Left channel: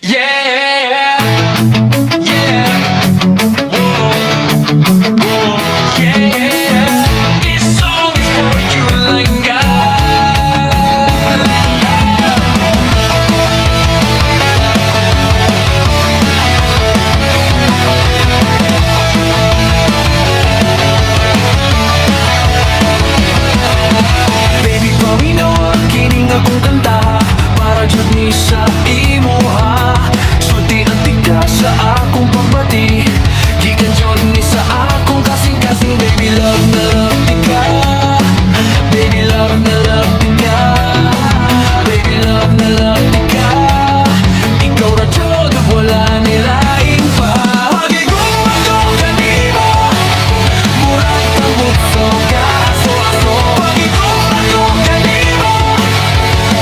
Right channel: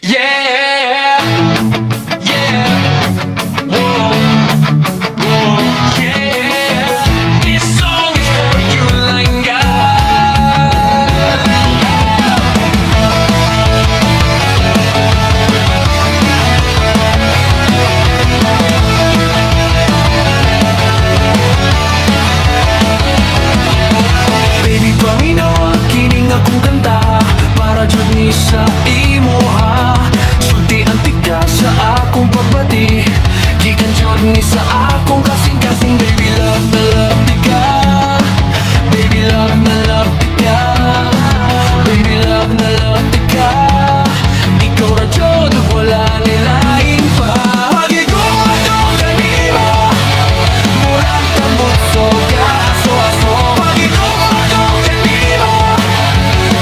Yeah, yeah, whoa, whoa, yeah. This song is for you, Langa. Baby, panginawa, kining akong kanta para jud ni sa imo ha. Sulti ang tika sa akong pagbati, gikan jud ni sa akong kasing-kasing. Baby love na love tika, baby love na love tika, baby love na love tika. Ikaw ra jud wala nilain pa. Hagigong ako kanimo, murag tambot so aso-aso. Hagigong ako kanimo,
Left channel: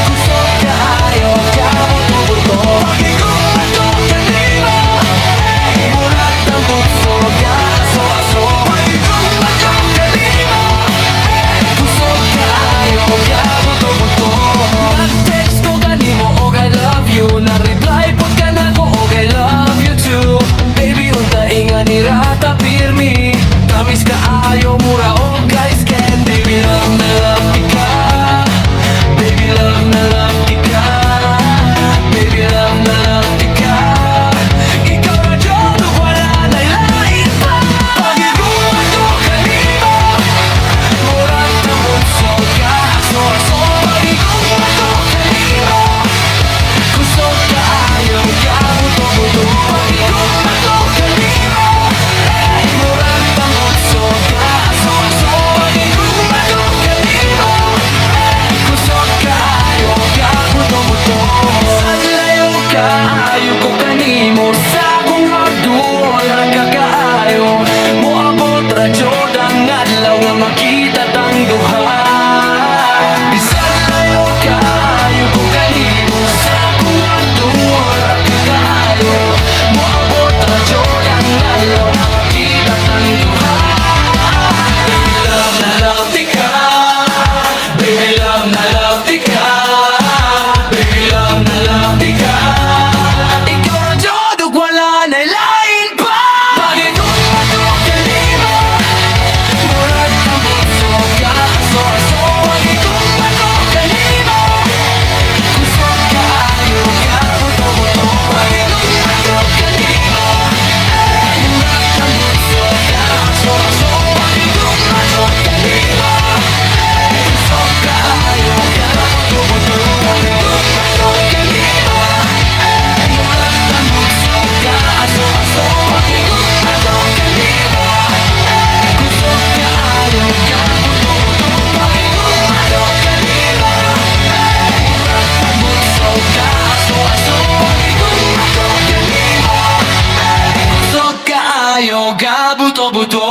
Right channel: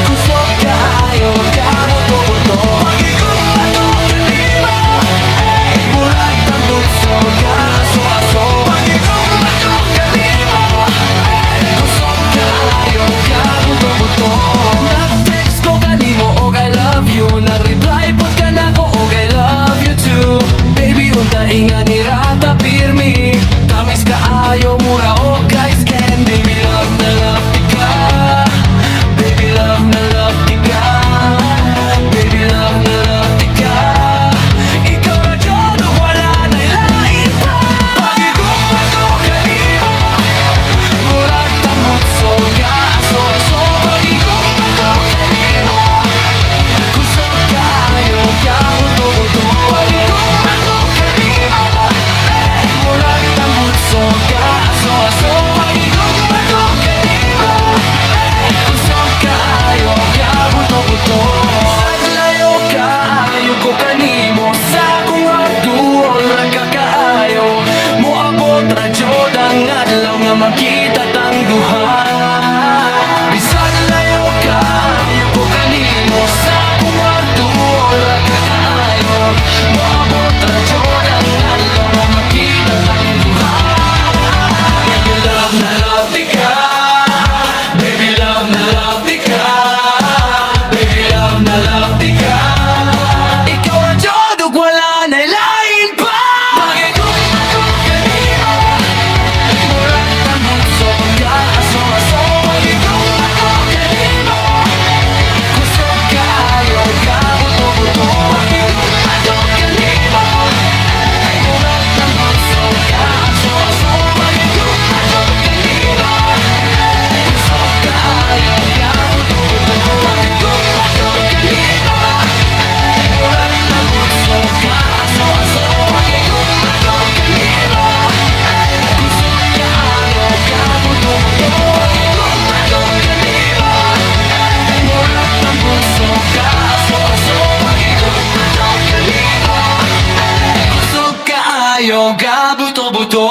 kusog kaayo ka buto-buto. Hagigong ako kanimo, murag tambot so aso-aso. Hagigong ako kanimo, kusog kaayo ka buto-buto. Nag-text ko kanimo og I love you, nag-reply pod ka nako og I love you too. Baby, unta inga ni rata pirmi, tamis kaayo mura og guys can. Baby love na love tika, baby love na love tika, baby love na love tika. Ikaw ra jud ug wala na lain pa. Pagigong ako kanimo, murag tambot so aso-aso. Pagigong ako kanimo, kusog kaayo ka buto-buto. Pagigong ako kanimo, murag tambot so aso-aso. Pagigong ako kanimo, kusog kaayo ka buto-buto. Layo kaayo ko kanimo, sa akong hardduol ra ka kaayo. Moabot ra jud ang adlaw nga makita tang duha. Bisan layo kaayo ko kanimo, sa akong hardduol ra ka kaayo. Moabot ra jud ang adlaw nga makita tang duha. Baby love na love tika, baby love na love tika, baby love na love tika. Ikaw ra jud ug wala na lain pa. Pagigong ako kanimo, murag tambot so aso-aso. Pagigong ako kanimo, kusog kaayo ka buto-buto. Pagigong ako kanimo, murag tambot so aso-aso. Pagigong ako kanimo, kusog kaayo ka buto-buto. Pagigong ako kanimo, murag tambot so aso-aso. Pagigong ako kanimo, kusog kaayo ka buto-buto. Pagigong ako kanimo, murag tambot so aso-aso. Pagigong ako kanimo, kusog kaayo ka buto-buto.